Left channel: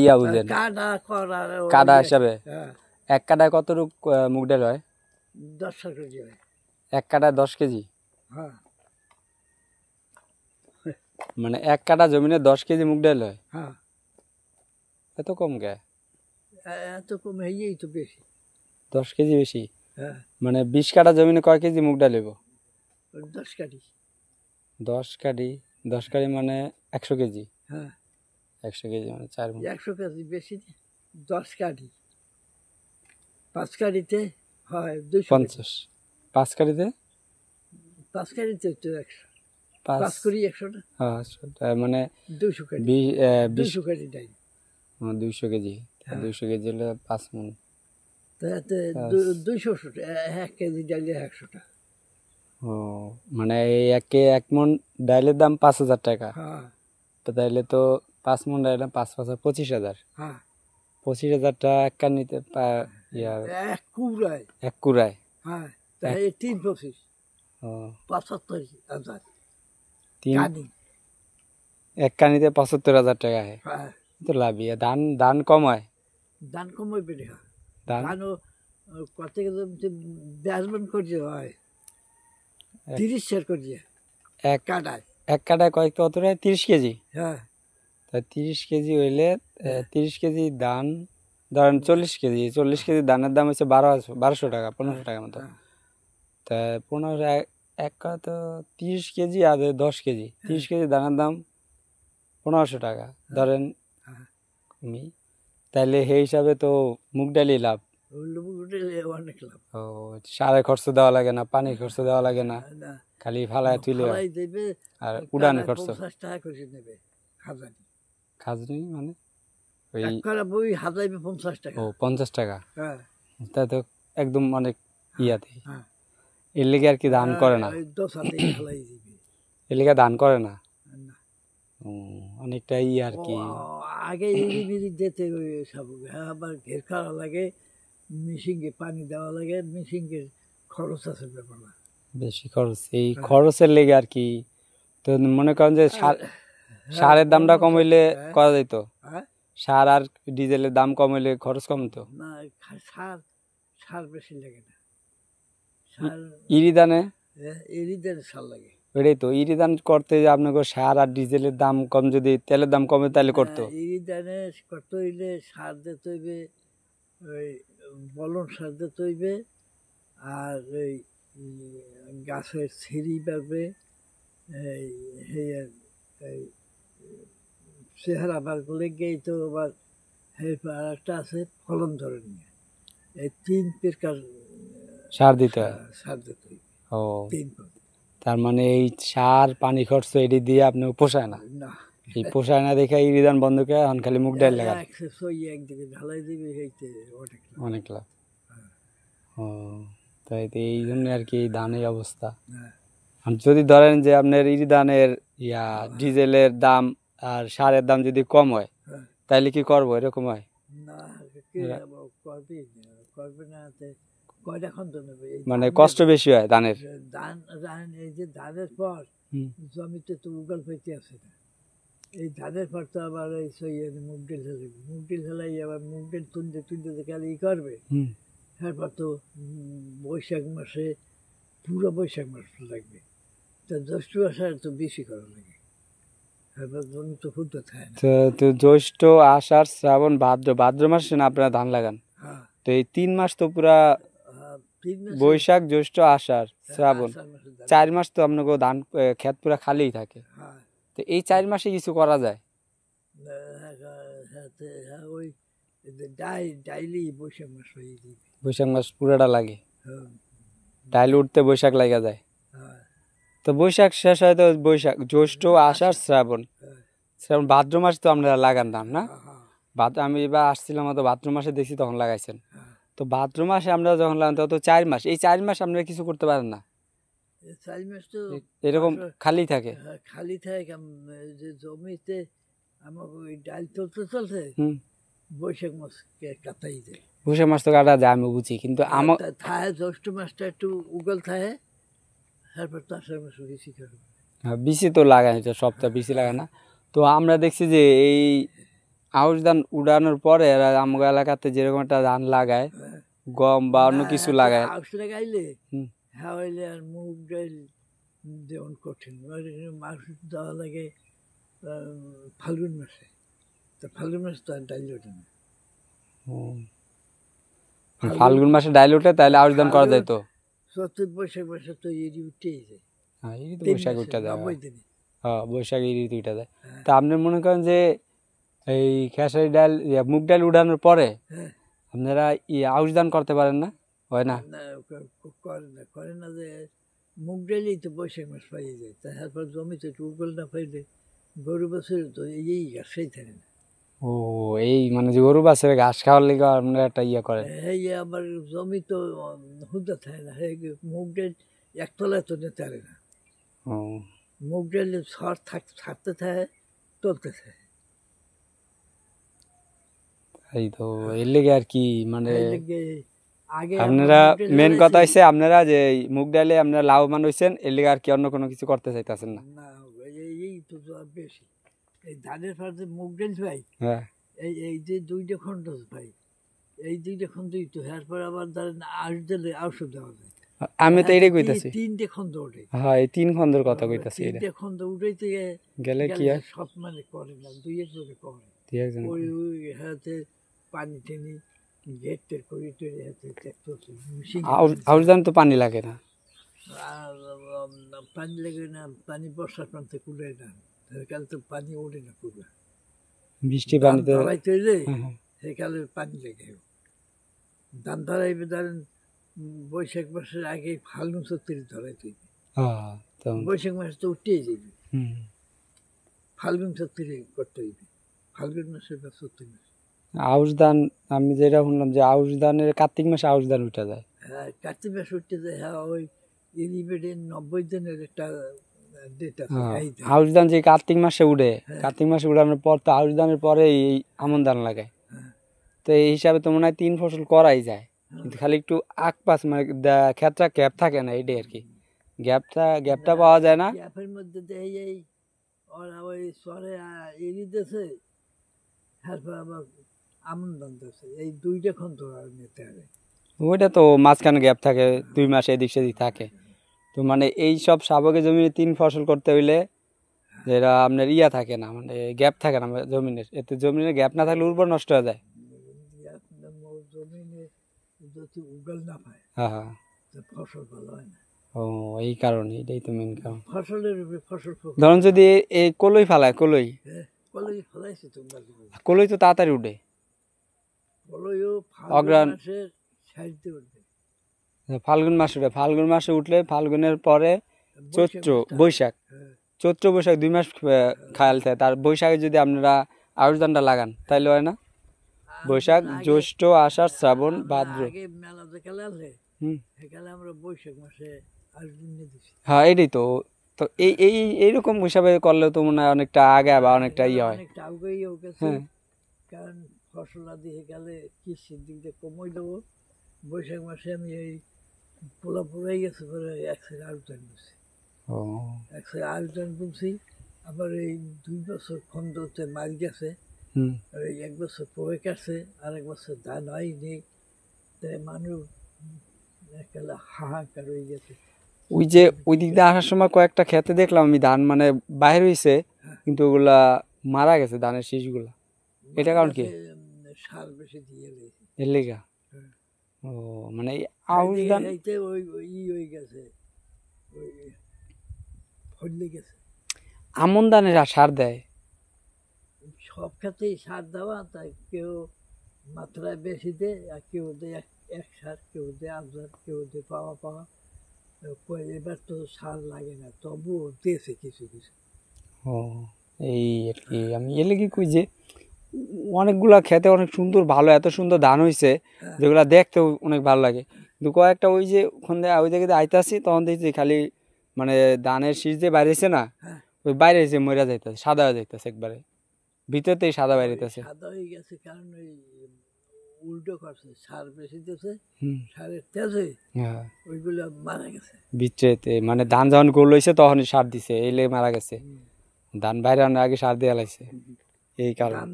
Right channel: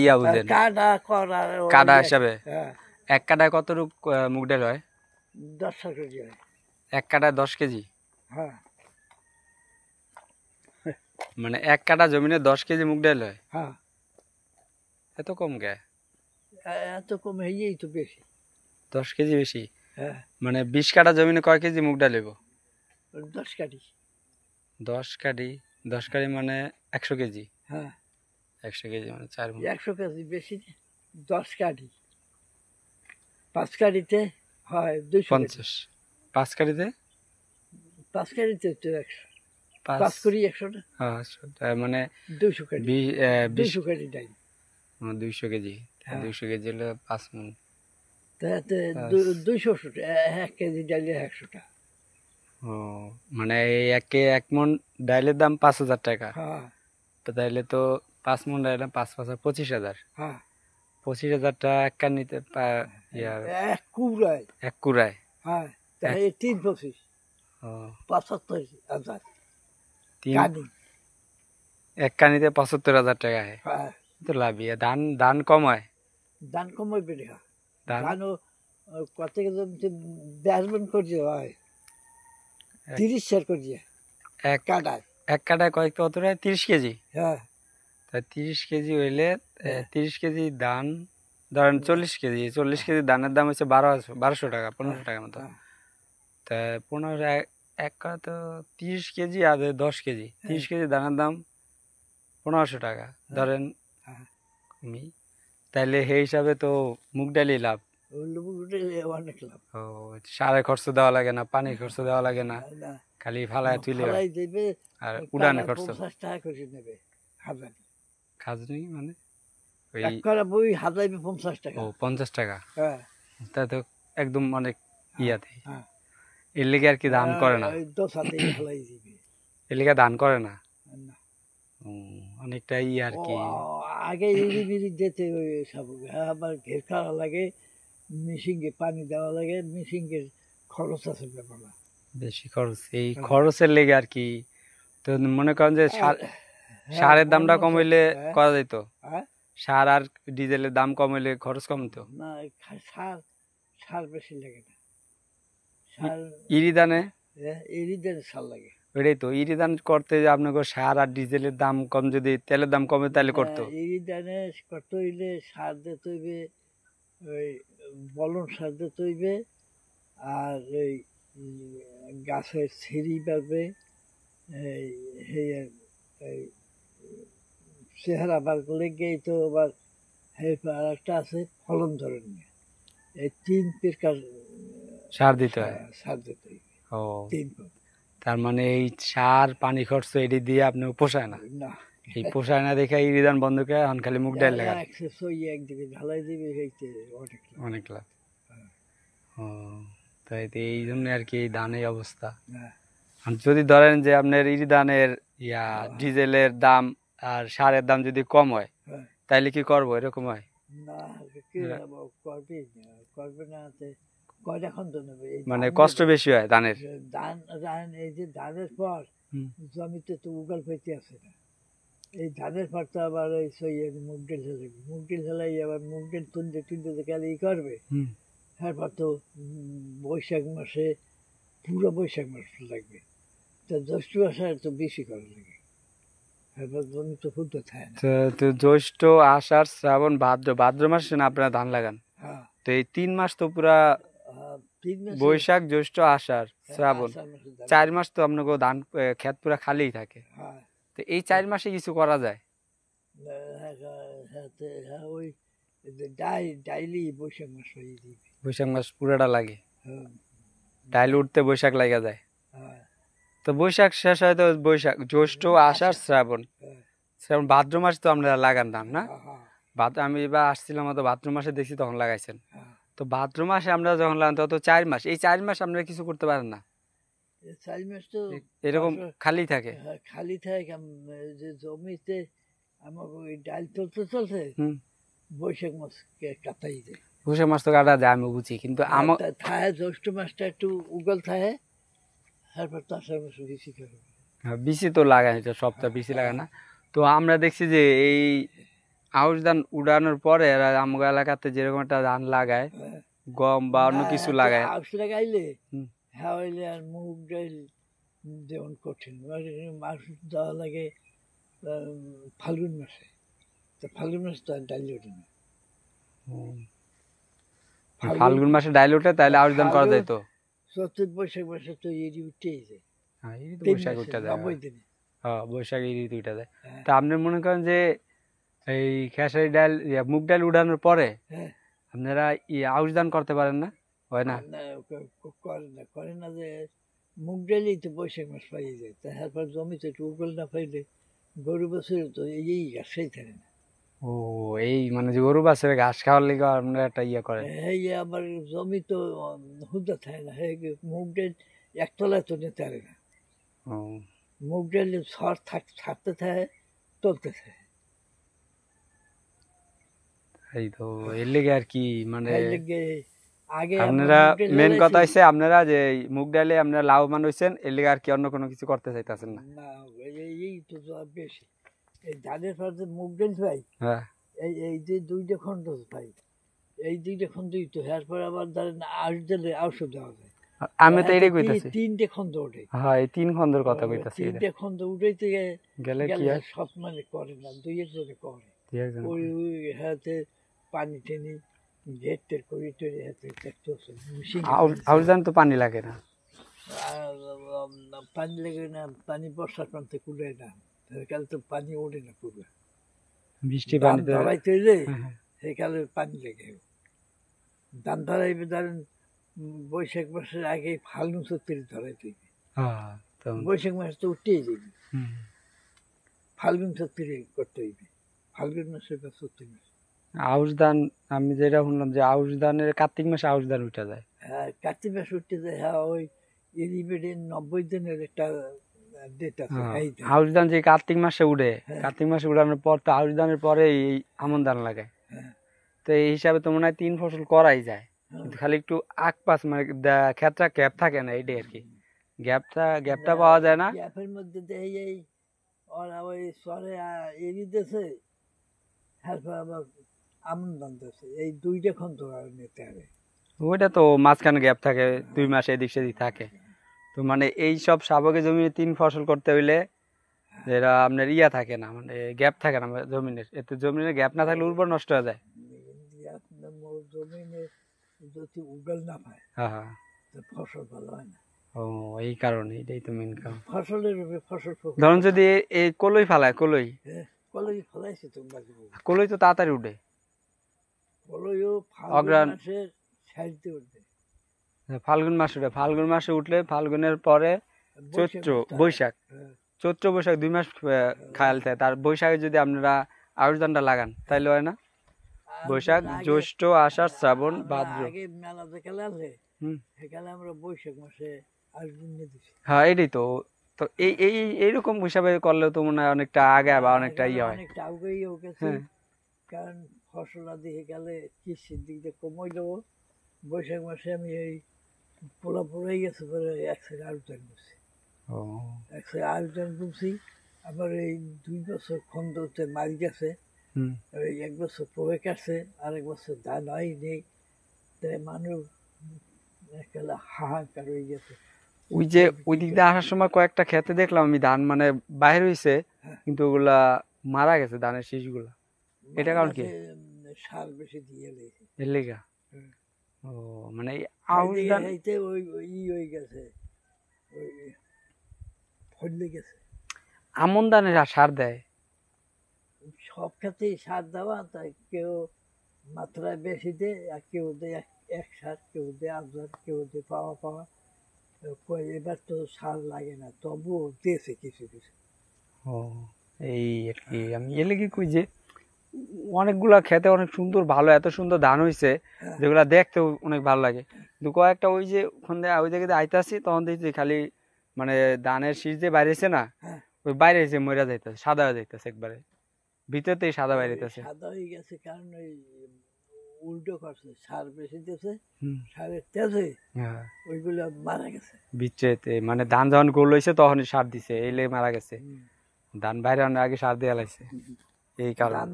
ইয়া বুঝেন কাটা করার কাটা হিসাবে হ্যাঁ এক কাটায় কতটুক মুগ ডাল হয় 10 কেজি হয় এক কাটায় 10 কেজি হ্যাঁ মানে এক কাটা জমিনে 10 কেজি মুগ ডাল হয় হ্যাঁ এত কম কে এত কম হইয়েই তো বেশি 10 কেজি বেশি হ্যাঁ মানে 20 কাটা জমিনে কয় কেজি মুগ ডাল হইব 10 কাটি 10 কাটি মানে 100 কেজি হ্যাঁ 100 কেজি মানে 4 মণ 100 কেজি বেশি 10 কাটি 5 কাটিতে হয় 250 5 কাটিতে 5 কাটিতে তো 100 5 5 করি 100 না তার মানে 200 কাটি 200 কাটি ডাই 200 কেজি 200 কেজি হলো 5 মণ তাতে 200 1 কেজি ডাইলে 100 টাকা ও মানে এই এক মণ ডাইলের দাম 5000 টাকা হ্যাঁ তো তাইলে তো 5 মণ ডাইলের দাম 5 5 25,000 হ্যাঁ 25,000 টাকা এক কানিতে এক কুড়ায় এক কুড়ায় হ্যাঁ তাই 325 ও 75,000 তিন কানি এক কানিতে 75,000 টাকা হয় হ্যাঁ তো লাভই ধান ধান কম হয় ধান কমই বেড়ে হয় ধান ধানও কত জমিতে বেসবন করছে হয় 30 সের করছে এক কাটায় এক কাটায় কয়েক কত হয় 30 কেজি হ্যাঁ তা 30 কেজি হইলে 30 কেজি ধান ধরেন 40 কেজি ধানের দাম হচ্ছে 1200 টাকা 1500 টাকা মতো তা 15 এক তো 30 কেজি আর 10 কেজি 30 কেজি ধানের দাম 1500 টাকা ধরেন আমি তাইলে সেই হিসাবে তো মুগ ডালই লাভ অনেক লাভ ও সারে খরচ দেওয়া লাগে না পানির খরচ দেওয়া লাগে না খালি ফালায় তুলে ফালাই দেবে আর উড়ানে খরচ 50 টাকা করে নেবে হাজারি খাজনি মানে ওই এক করা বই হাজাইবে 50 টাকা ও 50 টাকা হ্যাঁ তা তো একদম অনেক ইয়াতে হ্যাঁ এর লেগে আর কি দান করে না 10 হাতে ফালাই দিবে এর লেগে দান করে না না অনেকটা আর কি আগে ইরি দিতে সব আবার ঘের করা লাগে মেশিনকে পানি দেওয়া লাগে মেশিনের খরচ আছে ব্যাপার বেশি খরচ এই খরচের লেগে আর কি তো মনে করেন যে সারের দামটা কম হইলে করা যেত সার আর ডিজেলের দাম কম হইলে খরচ কমতো না সার সার বেশি লাগে না সার ইরিদানে ইরিদানে সার লাগে ওইটাই তো ইরিদান করতে যে আপনাকে সার আর ডিজেলের দাম কম যদি তেলের দাম কমে তাহলে করতো ইরিদানে করতে হইলে সার দিতে হইবে ওই বলন সার দিতে হইবে আর ওই গাছের ছিঁড়ি পারবে এই চেহারা বার করলে গিয়ে তো আবার আর একটা আছে ফলন ধরে নিয়ে এই 3 প্রকার সার দিতে হয় সার দিতে হইবে ও 3 তার মানে এই সার পানি খরচ এটি দিয়ে আপনি পোষায় না না এই পোষায় না দেখে ইরিদান বন্ধ করে এখন খালি মুগ ডাল লাগান একদিকে ঢালাই দিবে অনেক লাভ ও তাই তো এই জন্য আর কি ধানের অবস্থা যদি ধরেন যে আপনার ইরিদানের ডিজেলের দাম আর সারের দাম যদি কম হয় তাইলে কি করবো এরকম হয় না করবে না এখন তো নেবে মানে কষ্ট বেশি হয় ধানের ধান এই যে ধানের পর জমিতে তো উগাল পেতে আছে না এই ধানের পর তো আবার এই মুগ ডাল ফেলাবি মুগ ডাল ফেলাই আবার মুগ ডাল তুলতে গেলে করবে তারপর তো বৈশাখ মাসে পুরো বৈশাখ মাস লাগবে তা জ্যৈষ্ঠ মাসে তো বেশি করা লাগে তারপর জমি তো ফুলতে থাকে না তো জ্যৈষ্ঠ আষাঢ় শ্রাবণ ভাদ্র মাসে না আপনারা ধান লাগান তো এই 3 মাস তো পুরা বৈশাখ জ্যৈষ্ঠ আষাঢ় শ্রাবণ 4 মাস তো আপনাকে ধান ক্ষেত পুরা খালিই থাকে তো এই 4 মাসে কিছু করা যায় ওই ডাইলি বৈশাখ মাস হয়ে যাবে বৈশাখ মাস পুরাটা লাগে ডাইল উঠতে বৈশাখ লাগা যায় তো বৈশাখ শেষ হয় তো বৈশাখ জ্যৈষ্ঠ আষাঢ় শ্রাবণ ভাদ্র মাস তো আমরা লাগান ধান না আমি এবার আসছিলাম তো ভাদ্র মাসে দেখছি তখন লাগাইছেন তো ভাদ্র মাসে আমরা যখন লাগান তত 4 মাস এই 4 মাস আপনারা কিছু করতে পারেন না 4 মাস তো এরকম খালি থাকে যে জমিতে আমার ওই ডাল চলতে বৈশাখ মাস কাটাই যায় বৈশাখ মাস তো কাটা যায় আমি বুঝি কিন্তু আমার থাহে জ্যৈষ্ঠ মাসটা একটু উগল থাকে তারপর তো আষাঢ় মাস বেশি করবে বেশি তো লাগায় সপ্তাহ বেশি লাগায় না তো আমরা দেখছি যে এই আউশ ধান উড়ানোর পরে এরা আমগো এলাকাতে যেরকম একটা ধান লাগায়, গম বা অন্য কিছু লাগায়। আউশ লাগাইলে হুম। হ্যাঁ হইলে আর মুগ ডাল যেমন কঠিন মাছ দেওয়া লাগে ফাল্গুন মাসে, তো ফাল্গুন মাসে তো আর ডাল ওঠে না। ফাল্গুন মাসে ডাইল ওঠে, তাহলে আউশ ধান করা যায় তো। চৈত্র বৈশাখ মাসে তো এরি উঠেই যায়, হ্যাঁ, এই তো 3 বৈশাখ মাসে, উঠে যায়। 90 দিনে। হ্যাঁ, বৈশাখে এই ঋতু উঠে যায়। হ্যাঁ। তা আপনি মনে করেন যে এই খেসারি ডাল মুগ ডাল উড়ানোর পরে হ্যাঁ। আপনারা আউশ ধান করতে পারেন না? হয় না? না, করে না যে মুগ ডালই তো বৈশাখ মাস পাইয়ে যায়, তারপর জমিতে একটু উগল না পাইলে গরু বছর তো এই গাছই থাকে না। ও, এই মানে যে গরু বাছুরের ঘাস খাওয়ার লিগে আপনারা একটা করে। এই আবার জমি তো হুদা থাকে না, মুগ ডাল একতলায় তো নিতে পারে না। ও, মুগ ডাল ছাড়তে থাকে, তুলতে থাকে। এই তো এর লিগে আর কি, মানে এই লেগে আগে আমরা আপনারা মুগ ডাল মেন কথা ফেলাইছি। হচ্ছে আপনারা যে এই মুগ ডালে আপনারা লাভবান হয়েছেন, এর লিগে আর কি অন্য কোনো কিছু করতে চাইতেছেন না। না, এই তো বেশি এই ধানের পাশে মুগ ডাল পাই, হ্যাঁ, এই যে 2টা খণ্ড পাই, এই 2টা খণ্ডই তো এরপর আবার ধরেন আউশ দিলে আউশও দেওয়া যায়। আমি তো এটাই কইতাছি। 3টে খণ্ড ওঠে, হ্যাঁ, এই 3 খন্ডের কথা কইতাছি। এটা 3টে খণ্ড উঠাইতে গেলে কি হয়? সব মানে করে না, 2 একজনে করে। দুই একজন ওই হাতে পানি টেনি গেটের করি টরি হাতে মেশিন আউশ ধান তো পানি লাগে না। পানি লেগে না, পানি বর্ষার প্রান্তে কুড়ায় না, সেকালে তো পানি ওঠে না পুরো। বৃষ্টি ধান পানিতে। ধরাইতে হইলে হ্যাঁ, হ্যাঁ। সেকালে পানি লেগে ধান ধরাইবে ধরেন বৈশাখ মাসের আগে ফাল্গুন চৈত্রে ধরাইতে হইবে। হ্যাঁ, তখন। বৈশাখ মাসে তো উঠতেই যাবে, হুম। ফাল্গুন চৈত্রে করতে হইবে, ফাল্গুন মাসে বা চৈত্র মাসে। আউশ ধান আমি যেটা শুনলাম যে আউশ ধানের কার্তিক মাসে আউশ ধান উঠে যায়। হ্যাঁ, কার্তিক মাসে উঠতে যায়। হ্যাঁ, ওই এরিবেডে 90 দিনের একটা ডেট আছে। হ্যাঁ, এই যে, আউশ ধান যে কার্তিক মাসে উঠে, হ্যাঁ। কার্তিক মাসে উড়ানোর পর তো আউশ ধানের পরে এই আমন ধান লাগায়। হ্যাঁ। তো এই হিসাবে তো মনে হয় 3 ফসল করাই যায়, হ্যাঁ। কিন্তু খালি একটু পাস মানে ক্ষেতটা গ্যাপ থাকে না, এইটাই আর কি। গ্যাপটা পাওয়া যায় না। গ্যাপের মধ্যে দেয় এই ওরা ওই সরে এরি দেশে, তারপর আবার আমন ধান দেশে, এই 2টা খন্ড আর নিতে হবে। ওইটা তো মাঝখানে গ্যাপ থাকে, 2 মাস এদিক সেদিক থাকে। তো মানে এই সব শাবকে জমি 3 ফসল করতে হইলে যেটা আপনার থাকে না, মানে গ্যাপ থাকে না জমিনের, এতে জমিনের গ্যাপ না থাকলে উর্বর নষ্ট হয়ে যায়। জমিনে যদি উগল না পায়, হ্যাঁ, হ্যাঁ। তো ফসল ভালো হয় না। ও, এই কারণে, এটাই তো মেন কারণ। ফসলের উপরে ফসল ধরুন যদি এই কলই ফালায়, কলই কলই ফলাইছে তোমরা, কলই তো তাড়াতাড়ি উঠে। কলইও ফাল্গুন অগ্রাণ মাসের সাইডে উঠবে, ফাল্গুন মাসে উঠে, ফাল্গুন মাসে উঠলে ফাল্গুনের পরে চৈত্র বৈশাখ, চৈত্র বৈশাখ 2 মাস খায়াল থাকে। তার বৈশাখে যদি আপনারা আউশ ধানটা লাগান তাইলে হয় না? বৈশাখ, জ্যৈষ্ঠ, আষাঢ়, শ্রাবণ, ভাদ্র। আগে মেলা যে খেলা আছে, হুম। সেখানে আমরা বৈশাখ মাসে আগুন নিয়ে দিছি। হ্যাঁ, এটাই তো। তো এইরকম হিসাবে করলে তো মনে হয় অনেকটা আগে বা অনেকটা হয়। অনেকটা আগুয়েও গেছে, হ্যাঁ। কারণ ফসল আদি হয়ে গেলে কৃষির দিক দিয়ে কমাই দেবো। বৈশাখ মাসে আমি এই পোলা পোড়াই গেছে পরে 1 সাইড আলু টান করছি, ও, 1 সাইড আলু টান করছি। আবার এই 2 বছর খন্দতে মারি গেছে, হুম। এই 1 বছর পরে কাটছে, আর 1 বছর ধান হয়নি। তাই মানুষ একেবারে হাহাকার হয়ে গেছে। ওই যে ওই দিক দিয়ে আসার সময় কয়েকটা খেতে দেখলাম আমি ধান মানে বাইরে হয়েছে, কিন্তু ওগুলা মারা গেছে ধানের শীষগুলা। এটা কারণ কি? সার বেশি দিয়ে লেগেছে এর লেগা? ও, মানে এই আউশ ধান ওই হয়ে গেছে, ওই ফলে গেছে। আমন ধানের আর সার দেয়? সব ক্ষেত্রেই সার দেওয়া, তাই কেউ মাত্রায় বেশি দেয়, আর কেউ দেয় এক সার, কেউ দেয় আবজার, কেউ দেয় পাওয়া। এবার তো সার লাগে না, তবুও দিয়েছে কিছু কিছু। ও, এই আর কি। আমি এলে কি কই যে অনেকগুলা খেতে অনেক সুন্দর, ভালো, এত সুন্দর ধান হইছে যেগুলা দেখতেও অনেক ভালো লাগে, কিন্তু কয়েকটা ওই যে ওখানে ওই জায়গাতে আইতাছি তখন দেখছি খালি মানে ধানের শীষ যে বাইরেছে না, ওই বাইরে এসে মরে যাইতেছে, সাদা হয়ে যাইতেছে একবারে, ভিতরতেই সাদা বাইরেতেছে। সাদা হয়ে গেছে কারণ ওই উল্টো করছে, সার বেশি দিয়েছে, হুম। সারের তেজে হ্যাঁ, ওইগুলো মারা গেছে। বিচ্ছেতে মানে ধান যখন গোল হয়েছে তখনই সার দিছে, এই লেগে মারা গেছে। ধান বাইরে আগে সার দেওয়া লাগছে, এই কারণে।